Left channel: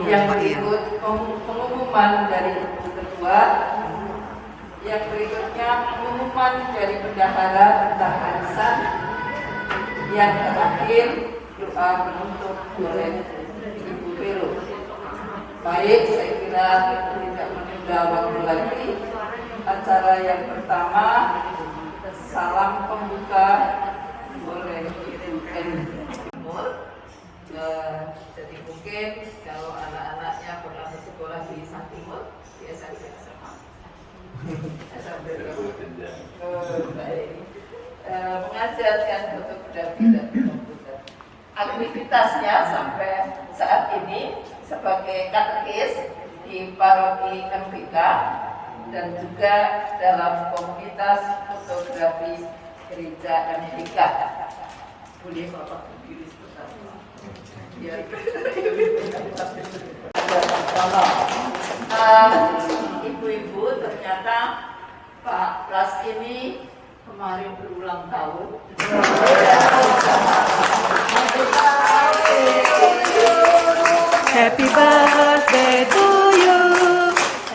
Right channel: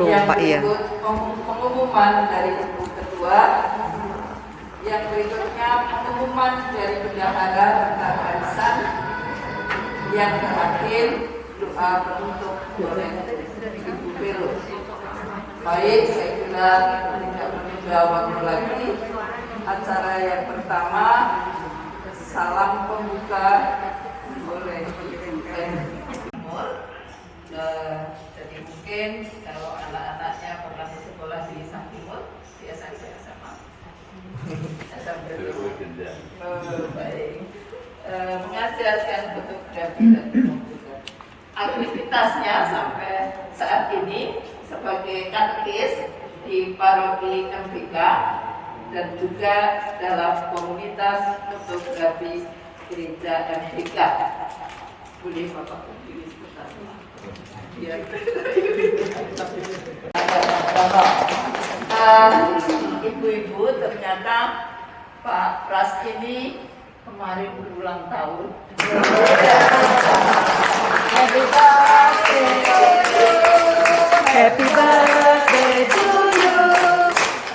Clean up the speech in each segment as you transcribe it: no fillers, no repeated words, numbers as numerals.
Yang Pak, iya. berikut pengumuman dari Ibu Ketua. Yang berikutnya pengumuman dari Bendahara tentang arisan. Yang terakhir doa penutup oleh Ibu Vero. Baik, saya kira tidak menunda waktu lagi. Acara yang pertama, salam pembuka oleh Ibu M. Jadi mungkin kalau anak-anaknya pernah sekolah di Santimur, biasanya sama. Baik. Mengajarkan fotografi dan komputer. Aktivitasnya sampai saat ini sebagai katekis di paroki MPK dan juga dalam komunitas fotografi gereja MPK. Boleh Bapak berdiri sebentar. Ya. Ibu-ibu, ternyata Pak Pras ini kemarin berulang tahun. Happy birthday to you.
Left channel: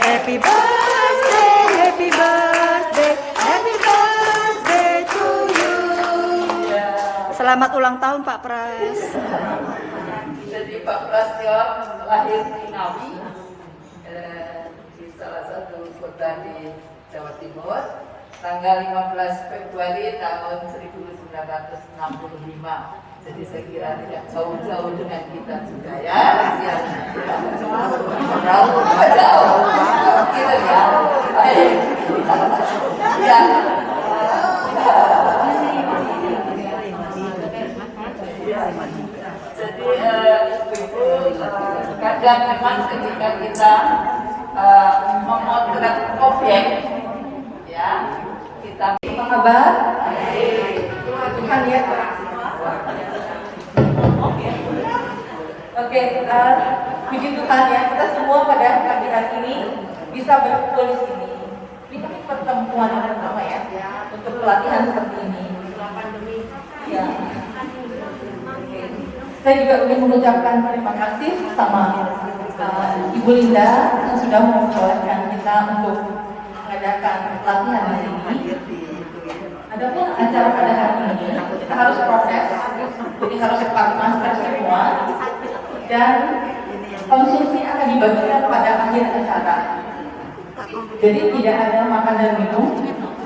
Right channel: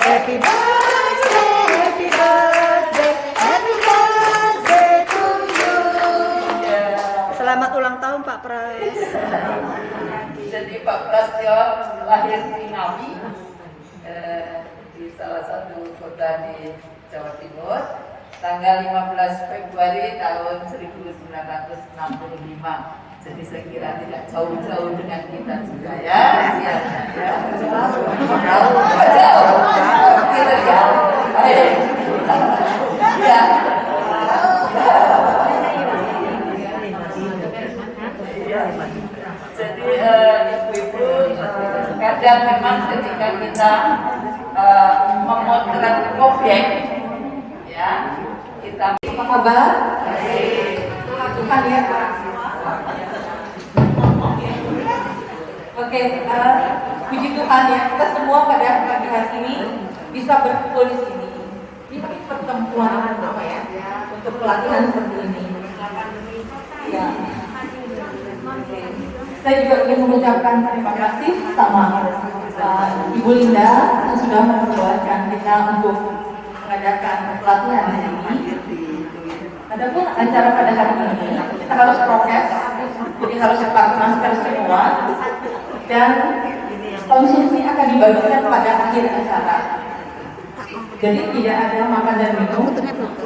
Happy birthday, happy birthday, happy birthday to you. Selamat ulang tahun Pak Pras. Jadi Pak Prastyo lahir di Ngawi, di salah satu kota di Jawa Timur, tanggal 15 Februari tahun 1965. Jadi saya kira tidak jauh-jauh dengan kita juga ya. Jadi ibu-ibu, kadang memang ketika kita memotret objek, ya kita. Apa kabar? Tuhan ya. Oke, puji Tuhan ya, kita semua pada pagi hari ini bisa berkumpul di sini. Ini pertemuan yang pertama ya, untuk pelatihan seperti ini. Ya. Saya juga ingin mengucapkan terima kasih sama Ibu Linda yang sudah memperbolehkan kita untuk mengadakan pelatihan ini. Adapun acara pada hari ini kita harus prokes, jadi harus pakai masker semua, dan konsumsi akan dibagikan pada akhir acara. Jadi tidak ada makan dan minum.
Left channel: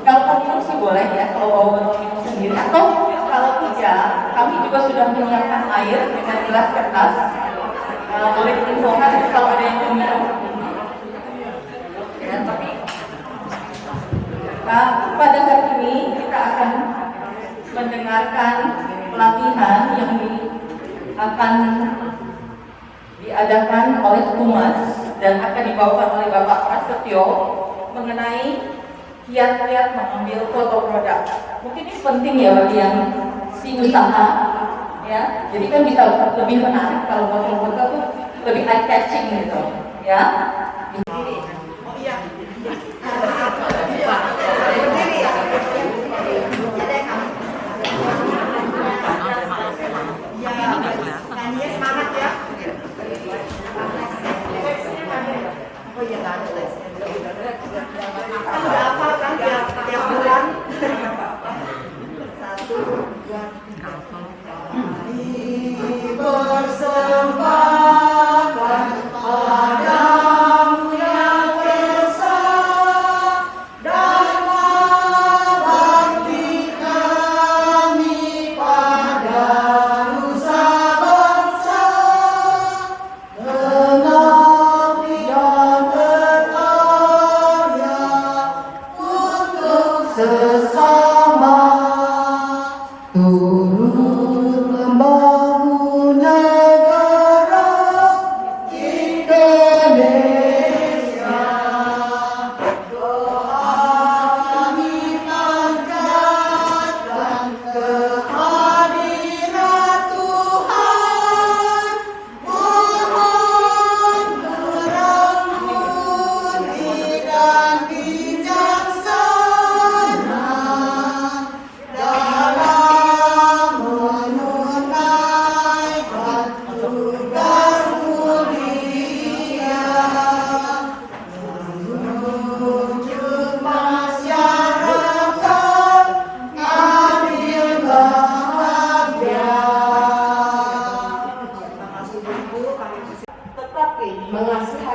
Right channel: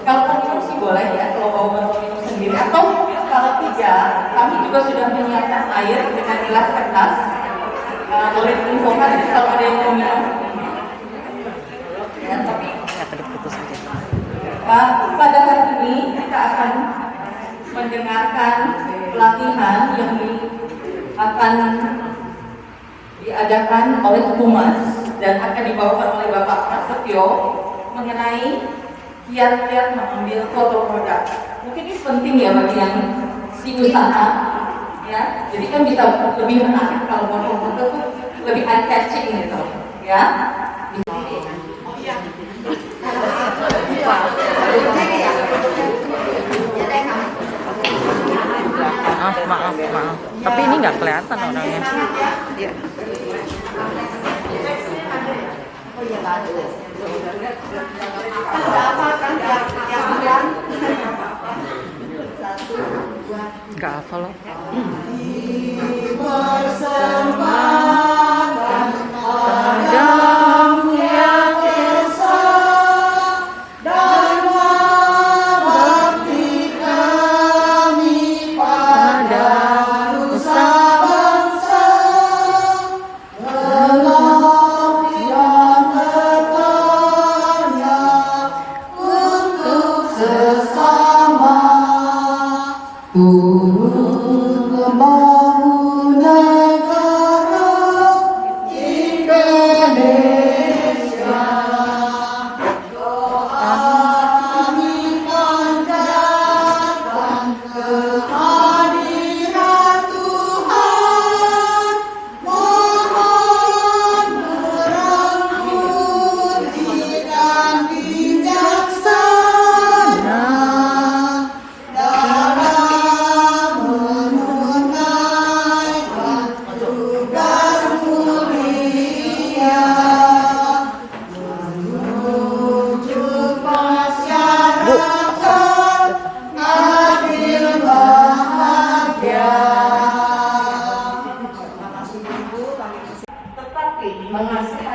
Kalau konsumsi boleh ya, kalau mau minum sendiri, atau kalau tidak, kami juga sudah menyiapkan air dengan gelas kertas. Boleh diinfokan kalau ada yang mau minum. Ya, tapi pada hari ini kita akan mendengarkan pelatihan yang akan diadakan oleh Humas dan akan dibawakan oleh Bapak Prasetyo mengenai kiat-kiat mengambil foto produk. Mungkin ini penting ya bagi yang si usaha, ya. Jadi kan bisa lebih menarik kalau foto-foto tuh lebih eye catching gitu, ya. Maaf. Tapi ini nggak kelihatan orangnya. Nggak apa loh.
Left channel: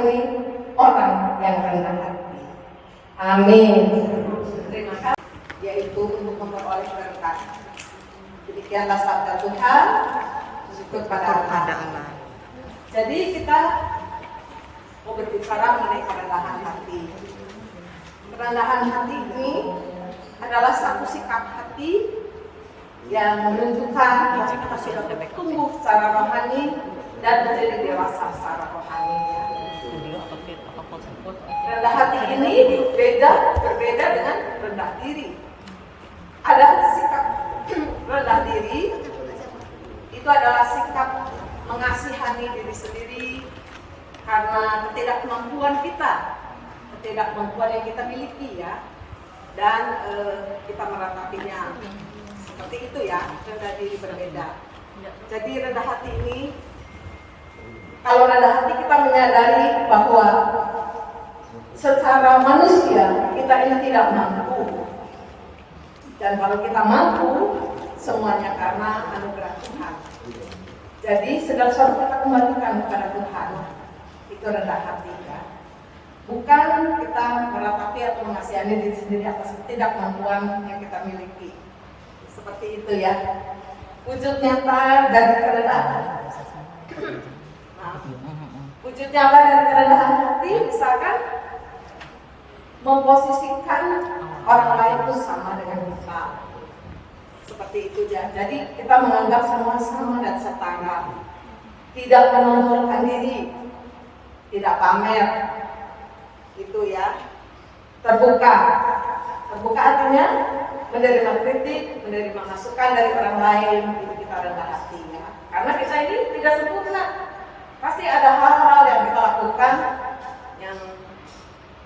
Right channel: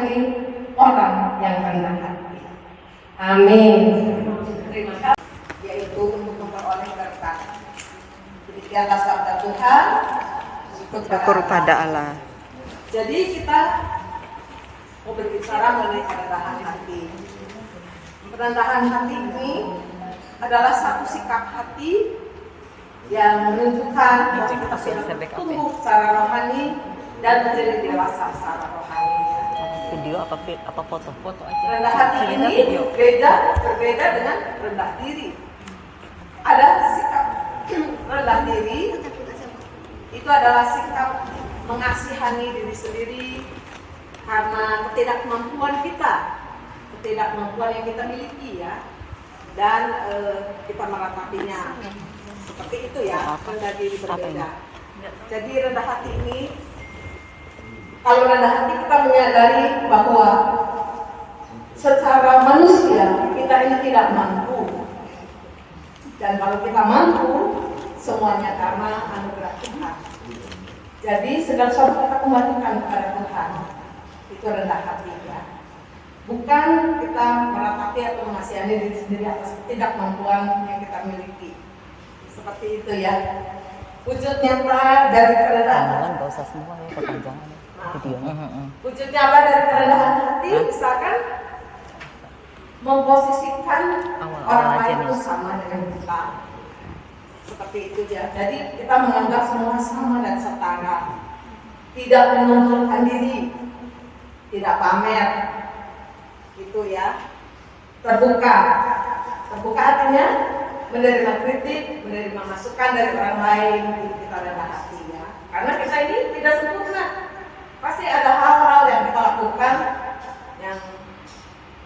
menjadi orang yang rendah hati. Amin. Terima kasih. Yaitu untuk memperoleh berkat. Demikianlah sabda Tuhan. Syukur pada Allah. Jadi kita mau berbicara mengenai kerendahan hati. Kerendahan hati ini adalah satu sikap hati yang menunjukkan bahwa kita sudah bertumbuh secara rohani dan menjadi dewasa secara rohani. Video apa foto-foto aja. Rendah hati ini berbeda dengan rendah diri. Ada sikap rendah diri, itu adalah sikap mengasihani diri sendiri karena ketidakmampuan ketidakmampuan yang kita miliki ya, dan kita meratapinya seperti itu ya, rendah diri berbeda. Jadi rendah hati ini, kalau rendah hati kita menyadari bahwa secara manusia kita ini tidak mampu, dan kalau kita mampu semuanya karena anugerah Tuhan. Jadi segala sesuatu kita kembalikan kepada Tuhan. Itu rendah hati ya. Bukan kita meratapi atau mengasihani diri sendiri atas ketidakmampuan yang kita miliki. Seperti itu ya. Wujud nyata dari kerendahan. Enggak usah semua ya, kepanjangan. Wujud nyata dari kerendahan hati misalkan memposisikan orang lain itu sama dengan kita. Seperti itu ya. Jadi kita menganggap semua sama dan setara. Tidak menonjolkan diri, tidak pamer. Itu ya. Terbuka. Terbuka artinya menerima kritik, menerima masukan dari orang lain. Itu kita rendah hati ya. Karena kita ini tidak sempurna. Pasti ada hal-hal yang kita lakukan yang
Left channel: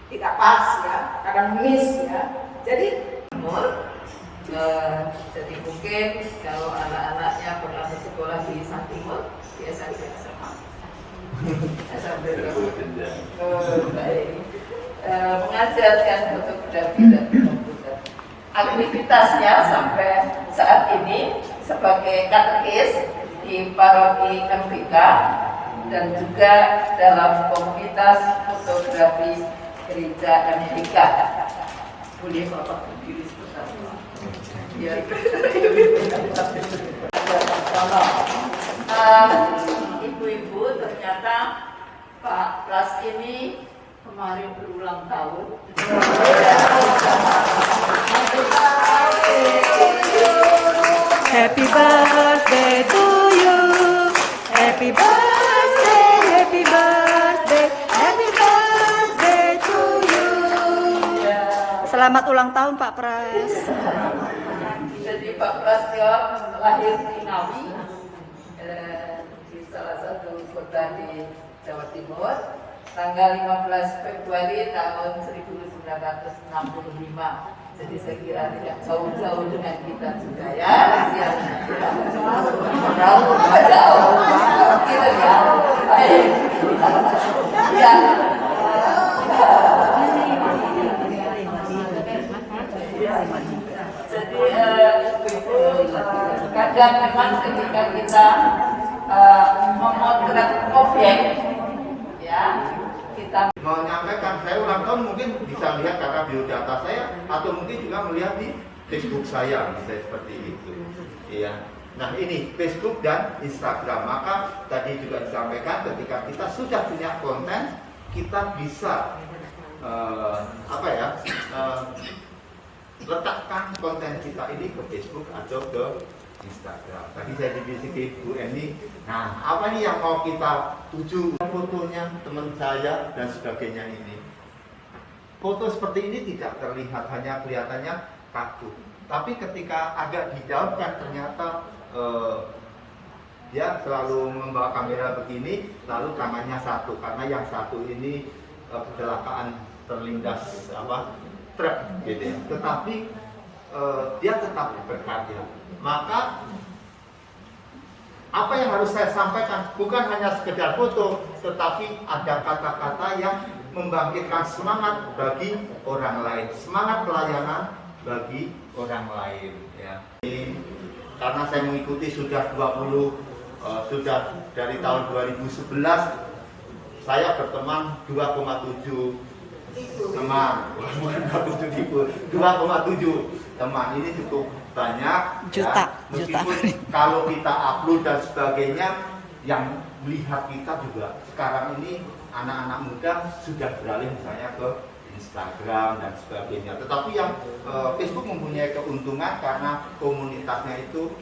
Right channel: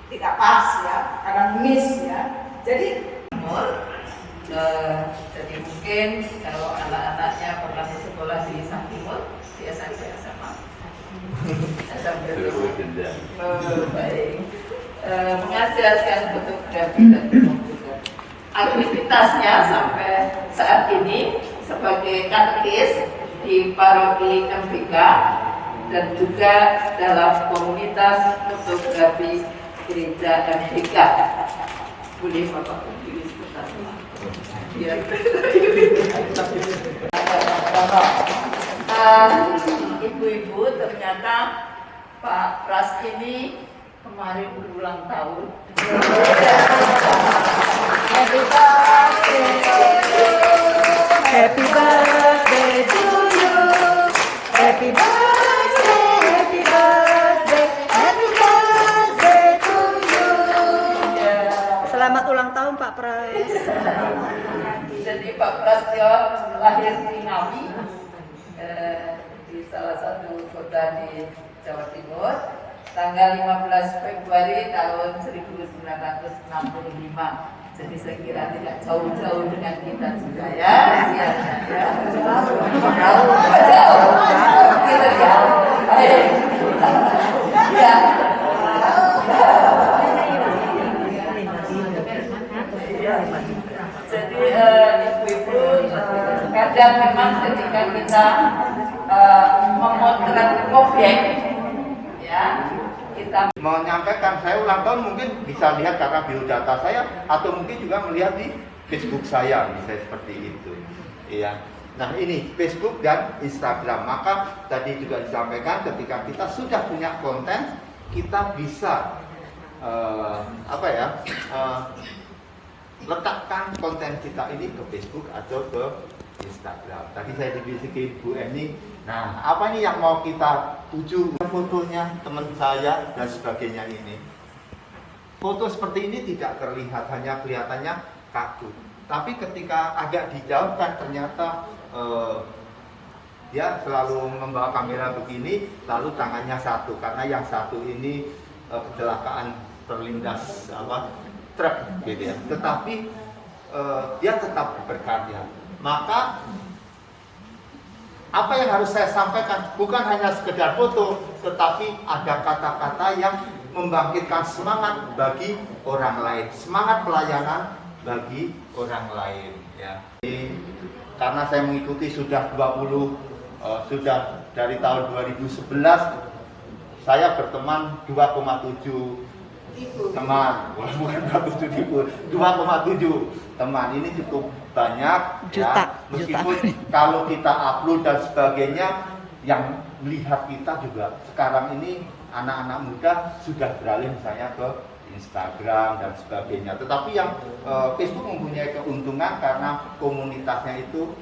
tidak pas ya, kadang miss ya. Jadi jadi mungkin kalau anak-anaknya pernah sekolah di Santimur, biasa sama. Baik. Mengajarkan fotografi dan komputer. Aktivitasnya sampai saat ini sebagai katekis di paroki MPK dan juga dalam komunitas fotografi gereja MPK. Boleh Bapak berdiri sebentar. Ya. Ibu-ibu, ternyata Pak Pras ini kemarin berulang tahun. Happy birthday to you. Happy birthday, happy birthday, happy birthday to you. Selamat ulang tahun Pak Pras. Jadi Pak Prastyo lahir di Ngawi, di salah satu kota di Jawa Timur, tanggal 15 Februari tahun 1965. Jadi saya kira tidak jauh-jauh dengan kita juga ya. Jauh. Gitu ya. Jadi ibu-ibu kadang memang ketika kita memotret objek ya, kita menyampaikan saya ulang tahun mungkin bisa lihat karena biodata saya atau mungkin juga melihat di Facebook saya misalnya seperti itu. Iya. Nah ini Facebook dan Instagram. Maka tadi juga disampaikan ketika kita sudah punya konten kita bisa letakkan konten kita ini ke Facebook atau ke Instagram. Tadi saya dibisiki Bu Eni. Nah, apa ini yang mau kita tuju? Fotonya teman saya dan sebagainya ini. Foto seperti ini tidak terlihat, hanya kelihatannya kaku. Tapi ketika agak dijauhkan ternyata dia selalu membawa kamera begini, lalu tangannya satu karena yang satu ini kecelakaan terlindas truk gitu ya. Tetapi dia tetap berkarya. Maka apa yang harus saya sampaikan bukan hanya sekedar foto, tetapi ada kata-kata yang membangkitkan semangat bagi orang lain, semangat pelayanan bagi orang lain ya. Karena saya mengikuti sudah 20 sudah dari tahun 2011 saya berteman 2,7 teman, bukan 2,7 teman. Ini cukup banyak. Juta, ya. Meskipun kalau kita upload dan sebagainya, yang melihat kita juga sekarang ini anak-anak muda sudah beralih misalnya ke Instagram dan sebagainya. Tetapi yang Facebook mempunyai keuntungan karena komunitasnya itu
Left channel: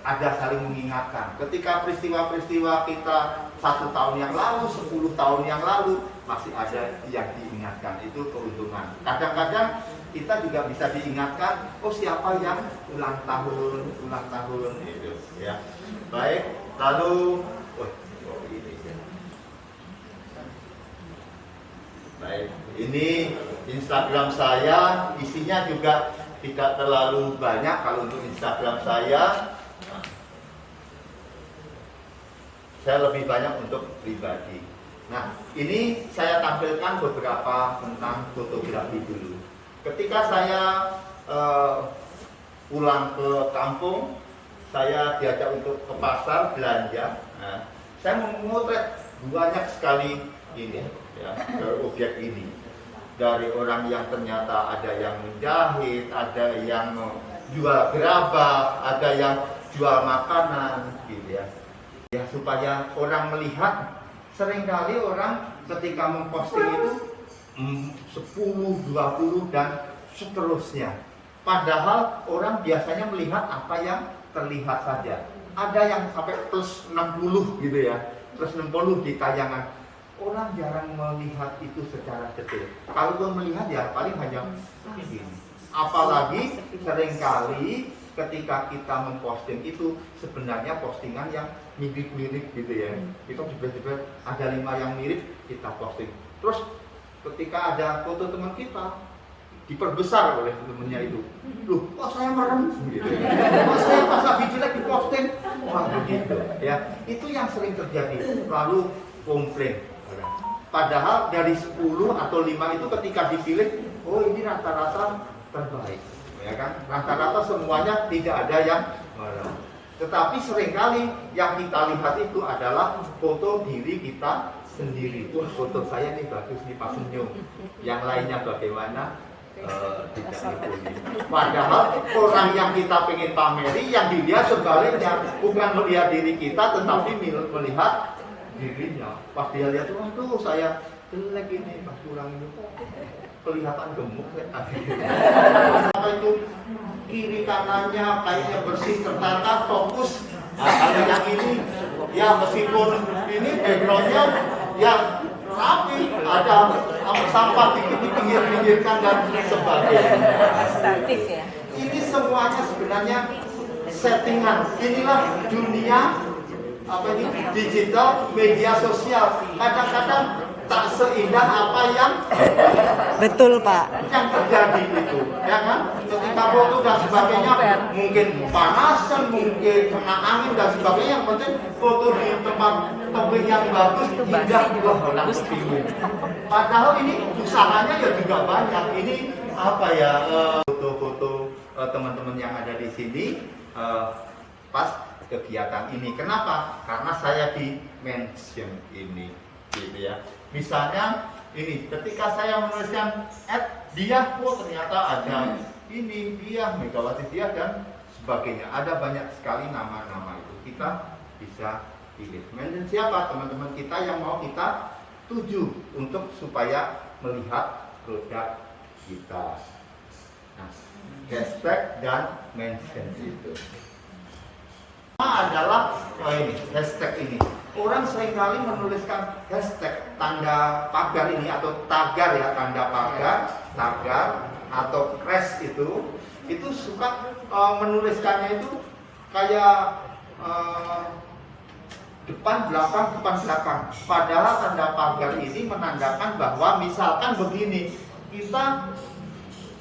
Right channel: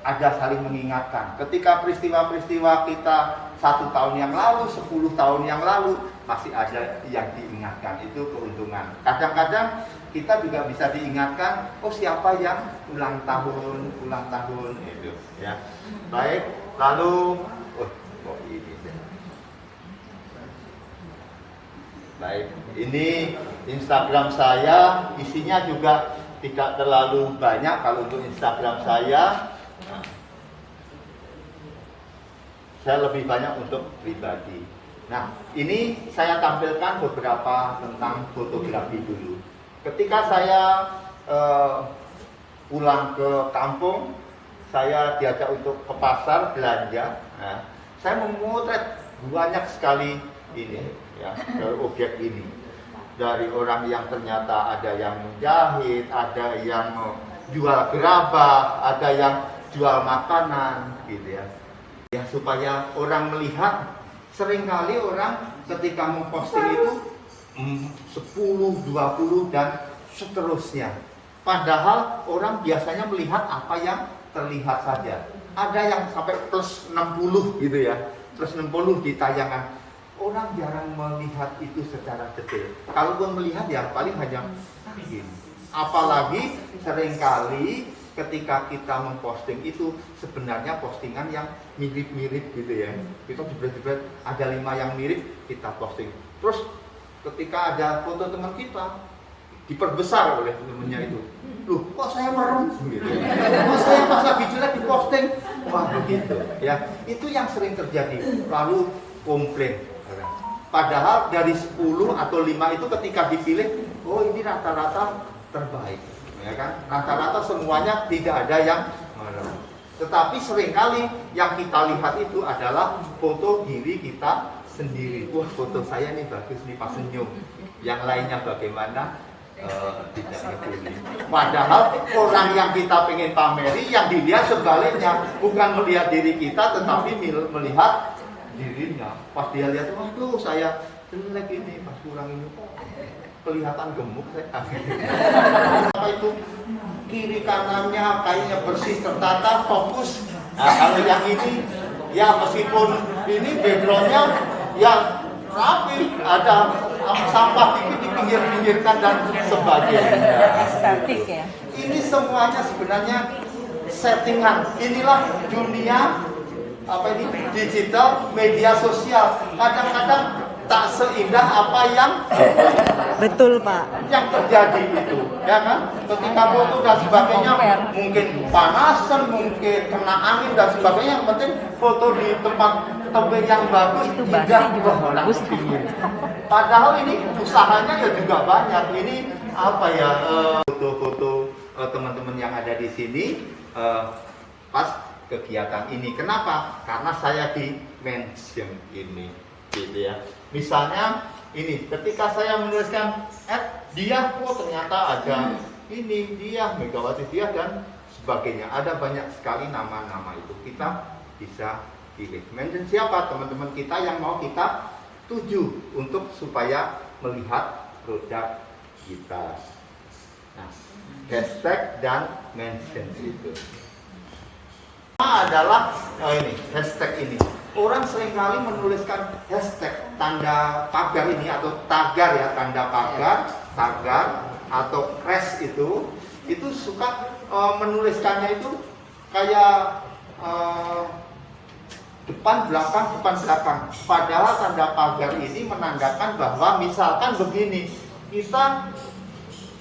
ada saling mengingatkan. Ketika peristiwa-peristiwa kita 1 tahun yang lalu, 10 tahun yang lalu, masih ada yang diingatkan. Itu keuntungan. Kadang-kadang kita juga bisa diingatkan, oh siapa yang ulang tahun itu ya. Baik, lalu baik, ini Instagram saya, isinya juga tidak terlalu banyak. Kalau untuk Instagram saya lebih banyak untuk pribadi. Nah, ini saya tampilkan beberapa tentang fotografi dulu. Ketika saya pulang ke kampung, saya diajak untuk ke pasar belanja. Nah, saya memotret banyak sekali ini ya, objek ini. Dari orang yang ternyata ada yang menjahit, ada yang jual gerabah, ada yang jual makanan gitu ya. Ya supaya orang melihat, seringkali orang ketika memposting itu 10, 20 dan seterusnya. Padahal orang biasanya melihat apa yang terlihat saja. Ada yang sampai plus 60 gitu ya. Plus 60 di tayangan. Orang jarang melihat itu secara detail. Kalaupun melihat ya paling hanya begini. Apalagi seringkali ketika kita memposting itu sebenarnya postingan yang mirip-mirip gitu ya. Kita jebret-jebret ada 5 yang mirip, kita posting. Terus ketika ada foto teman kita diperbesar oleh temennya itu. Loh, kok saya merem gitu ya. Kok saya pas lagi jelek diposting. Wah, begitu ya. Itu yang sering terjadi. Lalu komplain. Padahal dari 10 atau 5 itu ketika dipilih, oh ini rata-rata terbaik, ya kan? Rata-rata semuanya tidak ada yang merem. Tetapi seringkali yang kita lihat itu adalah foto diri kita sendiri. Wah, foto saya nih bagus nih pas senyum. Yang lainnya bagaimana? Tidak peduli. Padahal orang yang kita pengen pameri, yang dilihat sebaliknya, bukan melihat diri kita, tetapi melihat dirinya. Pas dia lihat, waduh saya jelek ini, pas pulang ini kelihatan gemuk saya. Apa itu kiri kanannya kayaknya bersih, tertata, fokus. Nah kalau yang ini ya meskipun ini backgroundnya ya rapi, ada sampah itu dipinggir-pinggirkan dan sebagainya. Ini semuanya sebenarnya settingan. Inilah dunia digital media sosial. Kadang-kadang tak seindah apa yang betul Pak yang terjadi itu, ya kan? Ketika foto dan sebagainya mungkin panasan, mungkin kena angin dan sebagainya. Yang penting foto di tempat tebing yang bagus, indah, wah orang kepingin. Padahal ini usahanya ya juga banyak. Ini apa ya, foto-foto teman-teman yang ada di sini pas kegiatan ini. Kenapa? Karena saya di mention ini, gitu ya. Misalnya ini, ketika saya menuliskan dia, oh ternyata ada ini dia, Megawati dia dan sebagainya. Ada banyak sekali nama-nama itu. Kita bisa pilih. Mention siapa teman-teman kita yang mau kita tuju untuk supaya melihat produk kita. Nah, hashtag dan mention itu adalah ini hashtag ini. Orang seringkali menuliskan hashtag tanda pagar ini atau tagar ya, tanda pagar, tagar atau crash itu suka menuliskannya itu kayak depan belakang. Padahal tanda pagar ini menandakan bahwa misalkan begini, kita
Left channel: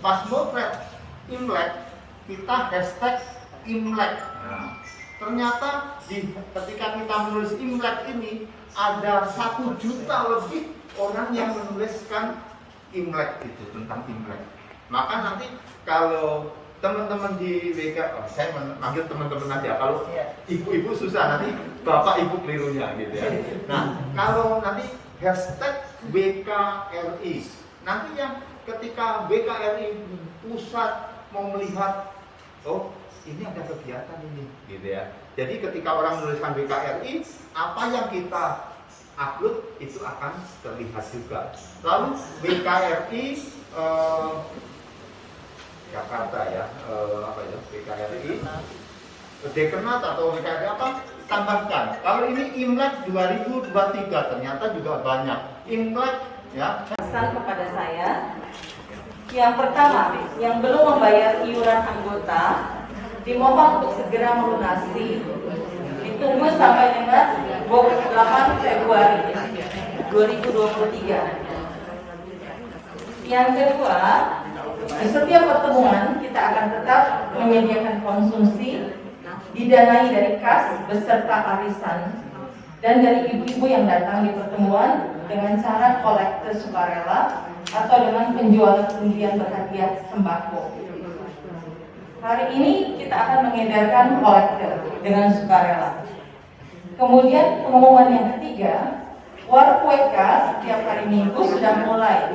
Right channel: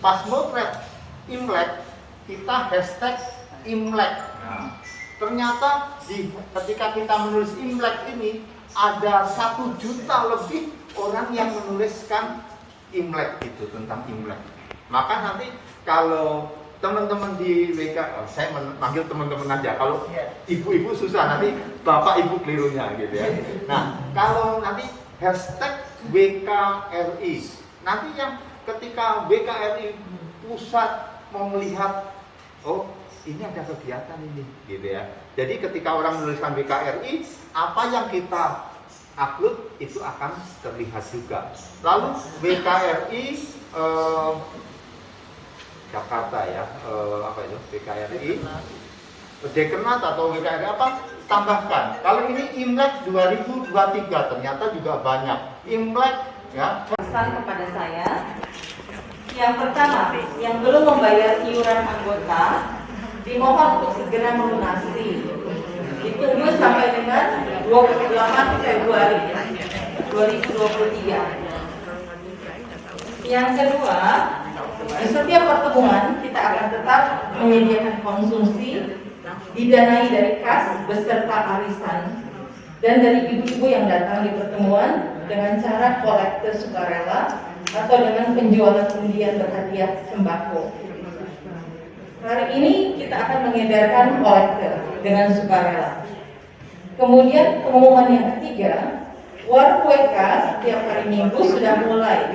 pas motret Imlek, kita hashtag Imlek. Nah, ternyata ketika kita menulis Imlek ini ada 1 juta lebih orang yang menuliskan Imlek itu, tentang Imlek. Maka nanti kalau teman-teman di WK, saya manggil teman-teman aja. Kalau ibu-ibu susah, nanti bapak ibu kelirunya gitu ya. Nah, kalau nanti hashtag WKRI. Nanti yang ketika WKRI pusat mau melihat, oh ini ada kegiatan ini, gitu ya. Jadi ketika orang menuliskan WKRI, apa yang kita upload itu akan terlihat juga. Lalu WKRI Jakarta ya, apa itu WKRI Dekenat atau WKRI apa? Tambahkan. Kalau ini Imlek 2023 ternyata juga banyak. Imlek ya. Pesan kepada saya, yang pertama, yang belum membayar iuran anggota dimohon untuk segera melunasi. Ditunggu sampai dengan 28 Februari 2023. Yang kedua, di setiap pertemuan kita akan tetap menyediakan konsumsi didanai dari kas beserta arisan dan dari ibu-ibu yang datang di pertemuan dengan cara kolektor sukarela atau dengan penjualan undian berhadiah sembako. Hari ini kita akan mengedarkan kolektor dengan sukarela. Kemudian pengumuman yang ketiga, warung kue kas setiap hari Minggu sudah mulai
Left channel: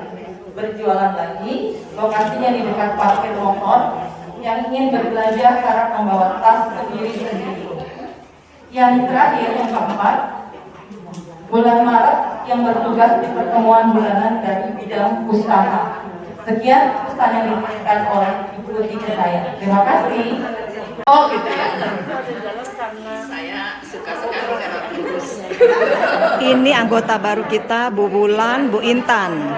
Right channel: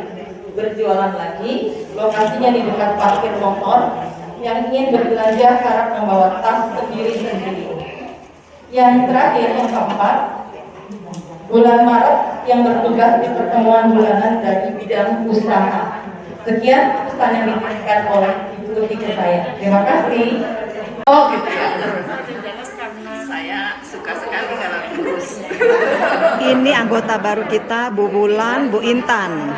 berjualan lagi. Lokasinya di dekat parkir motor. Yang ingin berbelanja harap membawa tas sendiri-sendiri. Yang terakhir, yang keempat, bulan Maret yang bertugas di pertemuan bulanan dari bidang usaha. Sekian pesan yang diberikan oleh Ibu Tika saya. Terima kasih. Oh gitu ya. Saya suka sekali kalau kurus. Ini anggota baru kita, Bu Bulan, Bu Intan.